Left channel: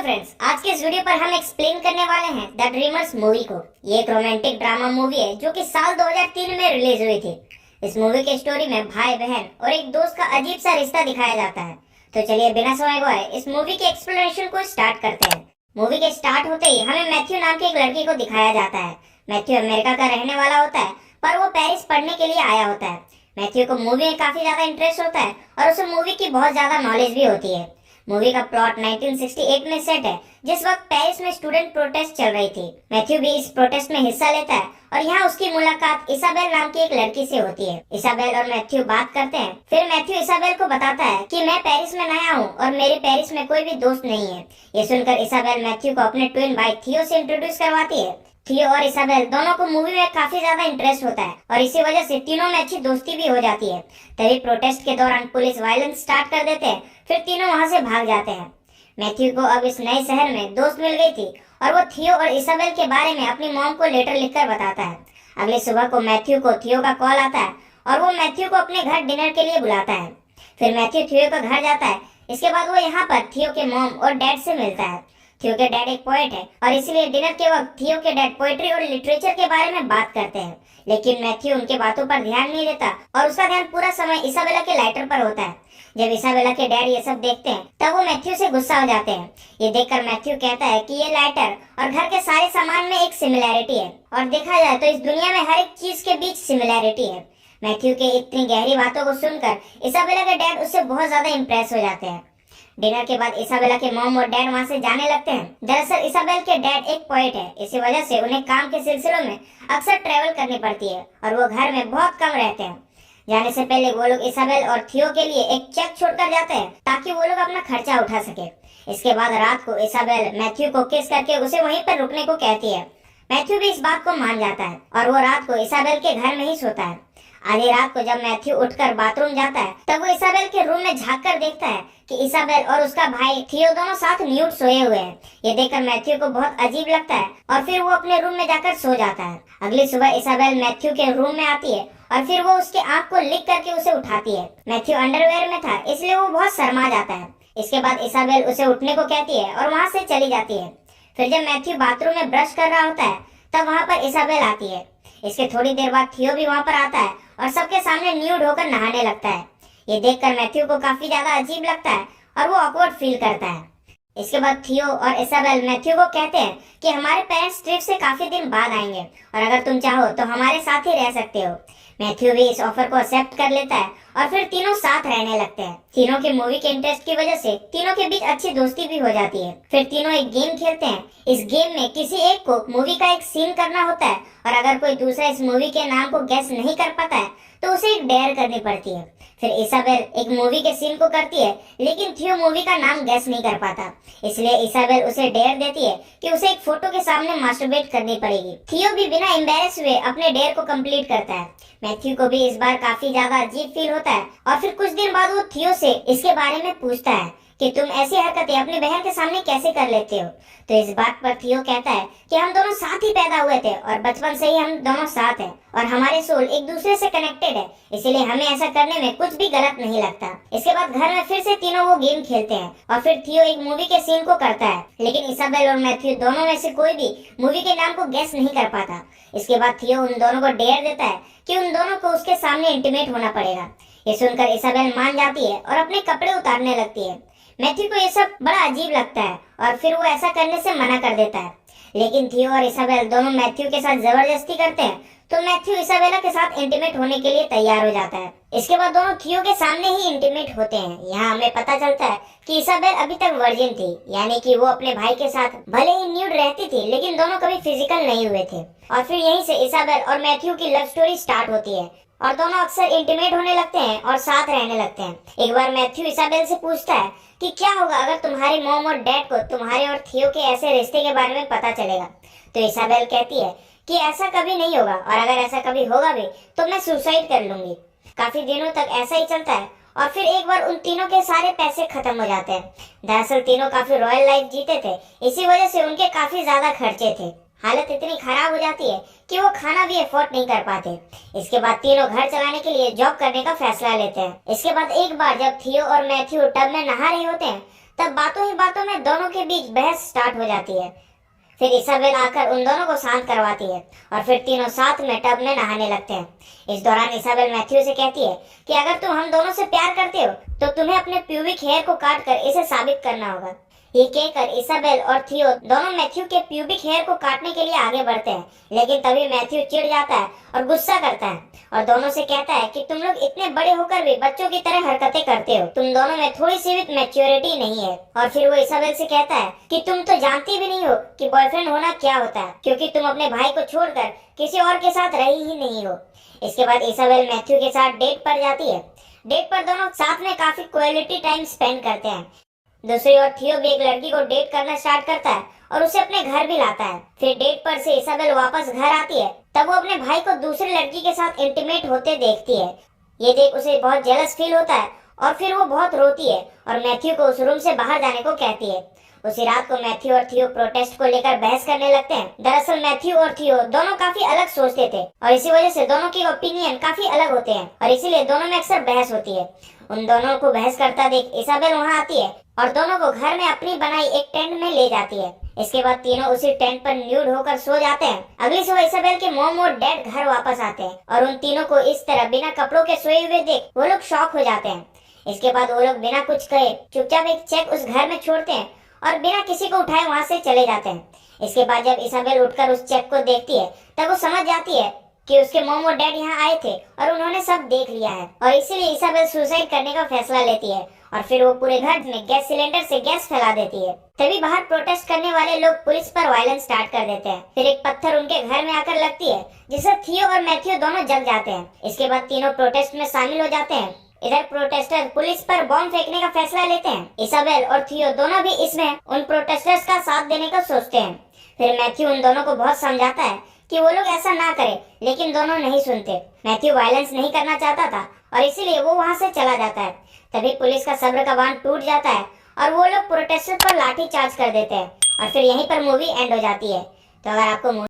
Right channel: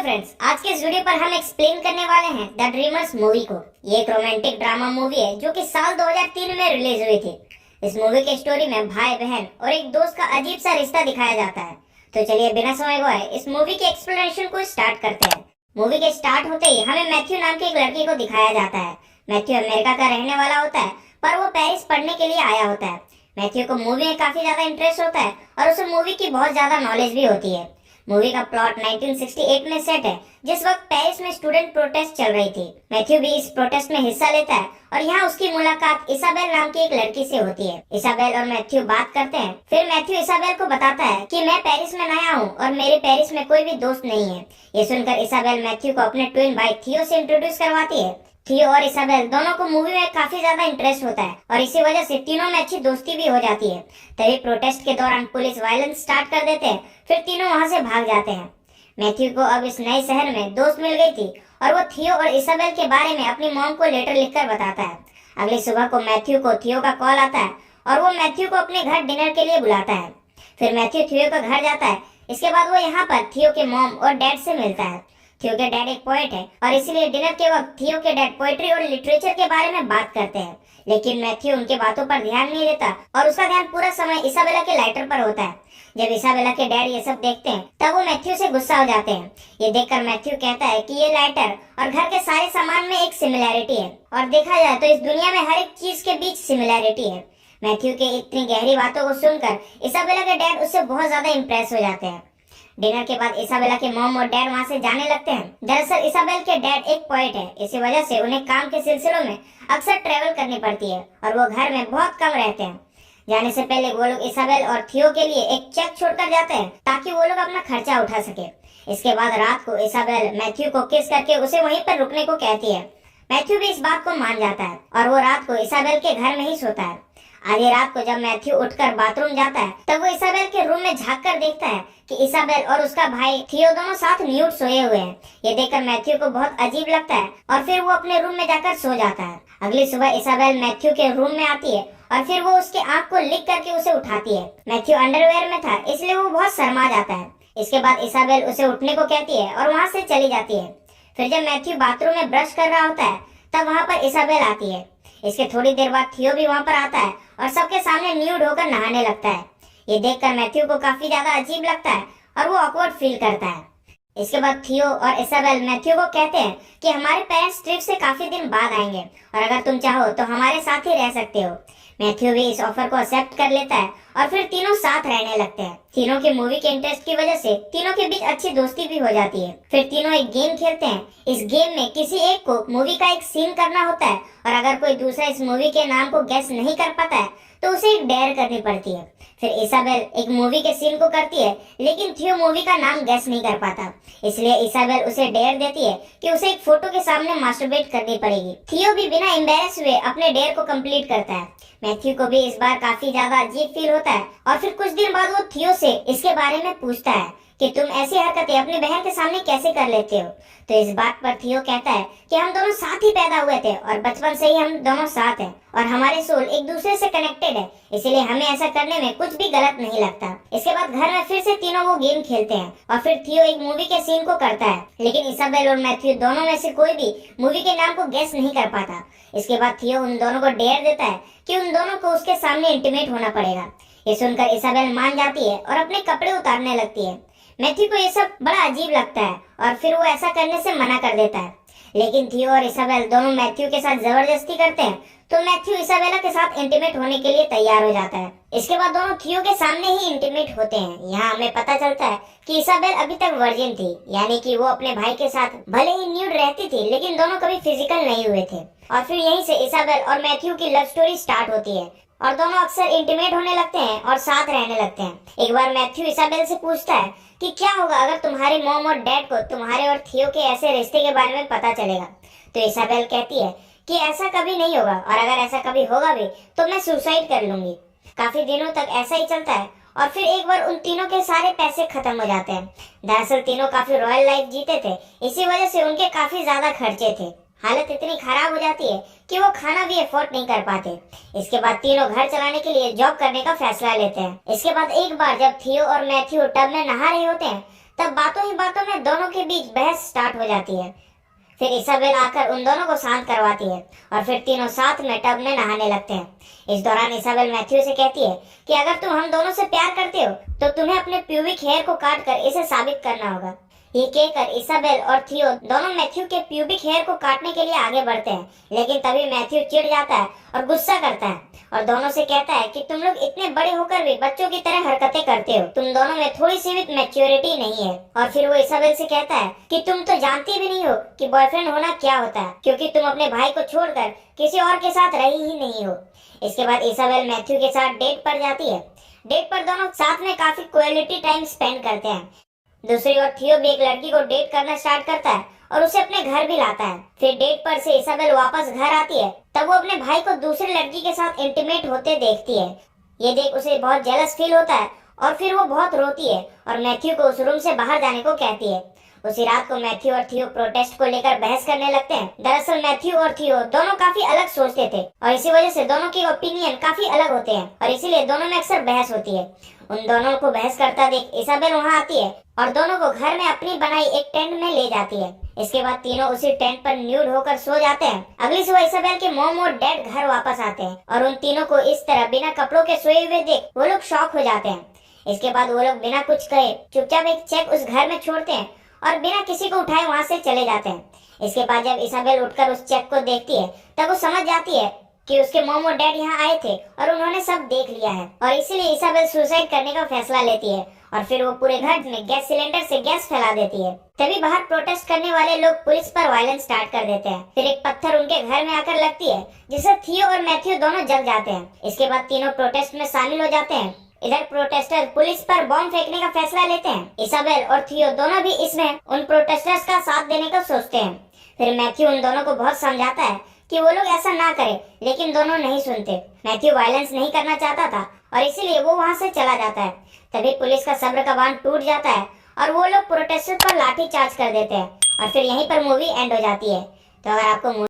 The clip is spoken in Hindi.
हेलो फ्रेंड्स, आज के इस वीडियो पर हम एक्सप्लेन करने वाले हैं द ड्रीमर्स मूवी को। ये एक रोमांटिक ड्रामा मूवी है जो कि साल 2003 में रिलीज हुई थी। इस मूवी की स्टोरी में भाई बहन और एक दोस्त का अजीब सा रिश्ता दिखाया जाता है। तो चलिए बिना समय गवाए इस मूवी के एक्सप्लेनेशन को स्टार्ट करते हैं। मूवी के स्टार्ट होते ही हमें मैथ्यू नाम की एक लड़की को दिखाया जाता है। मैथ्यू अमेरिका का रहने वाला होता है, पर वो पेरिस पढ़ने के लिए आया होता है। मैथ्यू को मूवी में काफी ज्यादा इंटरेस्ट होता है और उसे मूवी की बहुत ज्यादा नॉलेज भी होती है। मूवी का प्लॉट 1968 में सेट है, जिस वक्त पेरिस में स्टूडेंट प्रोटेस्ट चल रही थी। मैथ्यू भी इस प्रोटेस्ट में हिस्सा लेता है और यहाँ उसकी मुलाकात इसाबेल नाम की एक लड़की से होती है। इसाबेल और मैथ्यू बात करते हैं। फिर मैथ्यू इसाबेल को बताता है कि मैं पेरिस में नया हूँ और मेरे पेरिस में कोई भी दोस्त नहीं है। ये सुनकर इसाबेल मैथ्यू को अपने ट्विन भाई थियो से इंट्रोड्यूस करवाती है। थियो और इसाबेल दोनों को मूवी में काफी ज्यादा इंटरेस्ट होता है और इसी वजह से तीनों में अच्छी दोस्ती भी हो जाती है। तभी प्रोटेस्ट के दौरान पुलिस वायलेंस स्टार्ट कर देते हैं। फिर तीनों वहां से भाग जाते हैं। मैथ्यू को अब इस नए शहर में दोस्त मिल गई थी और वो थियो और इसाबेल के बारे में अपनी मॉम को लेटर लिखकर बताता है। अगली सुबह को मैथ्यू को थियो का कॉल आता है और वो मैथ्यू को अपने घर डिनर के लिए बुलाता है। फिर मैथ्यू थियो का घर जाता है। इसके बाद वो यहाँ पर थियो के मॉम और डैड से मिलता है। थियो के डैड एक पोएट है और इसलिए डिनर के वक्त थियो के डैड पोएट्री और लिटरेचर के बारे में बात करते हैं, लेकिन मैथ्यू उनके बातों पर ध्यान नहीं देता और उसका ध्यान पूरा समय इसाबेला के लाइटर पर होता है। जब इसाबेला के डैड ये सब देखते हैं तब वो मैथ्यू से गुस्सा हो जाते हैं। ये देखकर मैथ्यू कहता है कि ये लाइटर और घर के सारे सामान में एक सिमिलैरिटी है और देखा जाए तो इस दुनिया में हर एक चीज के बीच सिमिलैरिटी है। मैथ्यू के इतनी गहरी बातों को सुनकर इसाबेला के डैड उससे बहुत ज्यादा इम्प्रेस हो जाते हैं। डिनर के बाद इसाबेला के मॉम और डैड वहां से जाने लगते हैं। दरअसल इसाबेल के डैड एक पोएट है, इसी वजह से उन्हें काम के सिलसिलों में अक्सर ट्रेवल करनी पड़ती है और वो घर में बहुत कम रहते हैं। जाने से पहले वो लोग इसाबेल और थियो के लिए एक चेक छोड़कर जाते हैं ताकि वो लोग अपना खर्चा उठा सके। इसके बाद रात को इसाबेल मैथ्यू को किस करके उसे वहीं पर रुकने को कहती है। मैथ्यू भी इस बात को मान जाता है और वो रात को इसाबेल के घर में ही सोता है। आधी रात को जब मैथ्यू उठकर बाथरूम जाता है तब वो इसाबेल के रूम में झांक कर देखता है कि इसाबेल और उसका भाई थियो दोनों साथ न्यूड सोए हुए हैं। ये देखकर मैथ्यू को बहुत अजीब लगता है और फिर वो अपने रूम में जाकर सो जाता है। अगली सुबह इसाबेल मैथ्यू के रूम में आती है और फिर वो उसके आंख को लिक करके उसे उठाती है। मैथ्यू अंडरवेयर में था, इसलिए वो बहुत शर्मा जाता है। इसके बाद इसाबेल उसे उठने को कहती है और वहाँ से चली जाती है। फिर जब मैथ्यू बाथरूम में ब्रश कर रहा होता है तब वहाँ पर इसाबेल आती है। इसके थोड़ी देर बाद थियो भी वहाँ पर आता है और सबके सामने न्यूड होकर नहाने लगता है। ये देखकर मैथ्यू को काफी ज्यादा अजीब लगता है और वो ऑकवर्ड फील करता है। इसके बाद थियो और इसाबेल मैथ्यू को कहते हैं कि हमारे पेरेंट्स ट्रिप से काफी दिन बाद आएंगे और अगर तुम चाहो तो हमारे साथ ही रह सकते हो। मैथ्यू भी इस ऑफर को एक्सेप्ट कर लेता है और फिर तीनों साथ रहने लगते हैं। तीनों के मूवी के इंटरेस्ट की वजह से तीनों के बीच अच्छी दोस्ती भी हो जाती है। फिर तीनों एक गेम खेलते हैं। इस गेम में किसी एक को मूवी का एक सीन करना होता है और अगर कोई दूसरा इस मूवी के नाम को गेस नहीं कर पाता है तो उसे एक डेयर करनी पड़ती है। फिर इसाबेल एक मूवी के सीन को करती है, लेकिन थियो मूवी का नाम गेस नहीं कर पाता, इसलिए इसाबेल उसे डेयर देती है कि उसे एक फोटो के सामने मास्टरबेट करनी पड़ेगी। थियो भी बिना एम्बेरस हुए अपने डेयर को कंप्लीट करता है। मैथ्यू को भी इस बार काफी ज्यादा अजीब फील होता है और फिर कुछ दिन बाद वो थियो से इसके बारे में पूछता है कि तुम ऐसी हरकतें अपनी बहन के सामने कैसे कर लेते हो। तो इस बात पर थियो कहता है कि हम दोनों साथ ही पैदा हुए थे और बचपन से ही हम दोनों साथ हैं और हमारे सोल एक दूसरे से कनेक्टेड है, इसलिए हमें ऐसा करने में कुछ भी गलत नहीं लगता। इसके बाद घर में फिर से तीनों वो गेम खेलते हैं और फिर थियो एक मूवी के सीन को करता है, लेकिन इसाबेल और मैथ्यू दोनों में से कोई भी मूवी के नाम को गेस नहीं कर पाता। इसके बाद थियो उन दोनों को डेयर देता है कि उन दोनों को उसके सामने इंटीमेट होना पड़ेगा। ये सुनकर इसाबेल मान जाती है और अपने कपड़े उतारने लगती है। मैथ्यू को ये सब बड़ा अजीब लगता है और फिर वो ऐसा करने से मना कर देता है, लेकिन थियो और इसाबेल दोनों मैथ्यू के साथ जबरदस्ती करते हैं तो मैथ्यू इसाबेला के साथ इंटीमेट होने के लिए तैयार हो जाता है। इसके बाद दोनों थियो के सामने ही इंटीमेट होते हैं। यहाँ हमें पता चलता है कि इसाबेल अभी तक वर्जिन थी, यानी कि वो अपने भाई के साथ भले ही न्यूड रहती थी लेकिन दोनों कभी फिजिकल नहीं हुए थे। और फिर यहीं से इसाबेल और मैथ्यू की लव स्टोरी स्टार्ट होती है और दोनों अक्सर इंटीमेट होने लगते हैं और साथ रहने लगते हैं। एक बार मैथ्यू इसाबेल से पूछता है कि क्या होगा अगर तुम्हारे मॉम और डैड को तुम्हारे और थियो के ऐसे रिश्ते के बारे में पता चलेगा। तो इसाबेल कहती है कि ऐसा कभी नहीं होगा और अगर ऐसा कभी होगा भी तो मैं सुसाइड कर लूंगी। काफी दिनों तक ऐसा ही चलता है और फिर एक बार उन तीनों के सारे पैसे खत्म हो जाते हैं। दरअसल तीनों काफी रॉयल लाइफ जीते थे, इसी वजह से उनके काफी ज्यादा खर्चे थे। हालत इतनी खराब हो जाती है कि वो खाना भी अफोर्ड नहीं कर पाते। इसके बाद तीनों घर चलाने के लिए जॉब करने का फैसला लेते हैं। इसके बाद एक बार जब थियो और मैथ्यू टब में नहा रहे होते हैं तब बातों ही बातों में दोनों के बीच बहस स्टार्ट हो जाती है। फिर इसाबेल आकर उन दोनों को शांत करवाती है और फिर तीनों साथ में टब में नहाने लगते हैं। इस दौरान इसाबेल मैथ्यू से कहती है कि अगर तुम हम दोनों से प्यार करते हो तो तुम्हें अपने प्यूबिक हेयर को काट कर इसे साबित करना होगा। ये कहकर इसाबेल और थियो दोनों मैथ्यू के प्यूबिक हेयर को काटने के लिए आगे बढ़ते हैं, लेकिन तभी मैथ्यू चिढ़ जाता है और गुस्सा करता है और दोनों से कहता है कि तुम लोग इतने बड़े होकर भी बच्चों की तरह हरकतें करते हो, तुम दोनों में थोड़ी सी भी मैच्योरिटी नहीं है। और फिर वो इसाबेल से कहता है कि तुम तो जानती भी नहीं हो कि बॉयफ्रेंड होना क्या होता है, क्योंकि तुम अपने भाई को छोड़कर किसी और के साथ रही ही नहीं हो। इसके बाद इसाबेल मैथ्यू के साथ डेट पर जाती है। डेट पर दोनों साथ में काफी क्वालिटी टाइम स्पेंड करते हैं। दूसरी ओर थियो भी एक लड़की को डेट करना स्टार्ट करता है और उसे अपने घर भी लाता है। फिर डेट पर से इसाबेल वापस घर आती है, तब वो अपने भाई को दूसरी लड़की के साथ इंटीमेट होते देखती है। ये देख उसे बहुत जेलस फील होता है और फिर वो बहुत रोती है और मैथ्यू को उस रूम से बाहर जाने को कहती है। उसी रात को मैथ्यू और थियो प्रोटेस्ट को लेकर बहस करने लगते हैं। दरअसल मैथ्यू और थियो दोनों काफी अलग सोचते थे और इसी वजह से दोनों की ओपिनियन काफी अलग होते हैं और इसीलिए दोनों में अक्सर बहस होती है। उन दोनों को बहस करता देख इसाबेल वहां आती है और दोनों को घर में अपनी बनाई एक टेंट में ले जाती है। इसके बाद तीनों उसी टेंट पर न्यूड होकर सो जाते हैं। अगली सुबह इसाबेल के मॉम और डैड घर वापस आते हैं और उन तीनों को इस तरह बिना कपड़ों के सोए हुए देख वो लोग शॉक हो जाते हैं। इसके बाद वो लोग बिना कुछ कहे चुपचाप एक चेक उस घर में छोड़ते हैं और बिना किसी को उठाए वहां से चले जाते हैं। इसके बाद जब इसाबेल उठकर उस चेक को देखती है तब वो समझ जाती है कि उसके मॉम और डैड यहाँ आए थे और उन्होंने सब देख लिया है और इसीलिए इसाबेल सुसाइड करने का फैसला लेती है और फिर वो पूरे घर में गैस सिलेंडर से गैस फैला देती है। तभी बाहर प्रोटेस्ट करने वाले लोग पुलिस पर वायलेंस स्टार्ट कर देते हैं। फिर एक पत्थर उनके घर में आकर लगती है जिससे थियो और मैथ्यू दोनों जग जाते हैं। इसके बाद तीनों प्रोटेस्ट में शामिल हो जाते हैं। इधर प्रोटेस्टर पुलिस पर बॉम्ब फेंकने का फैसला लेते हैं। इसाबेल और थियो दोनों भी इसमें उन प्रोटेस्टर्स का साथ देने का सोचते हैं। फिर मैथ्यू उन दोनों को बहुत समझाता है कि वो लोग ऐसा ना करें, लेकिन दोनों नहीं सुनते। मैथ्यू वायलेंस नहीं करना चाहता था और इसीलिए वो वहां से चला जाता है। तभी पुलिस का सब्र का बांध टूट जाता है और वो लोग प्रोटेस्टर पर लाठी चार्ज कर देते हैं और फिर यहीं पर मूवी एंड हो जाती है। तो अगर आपको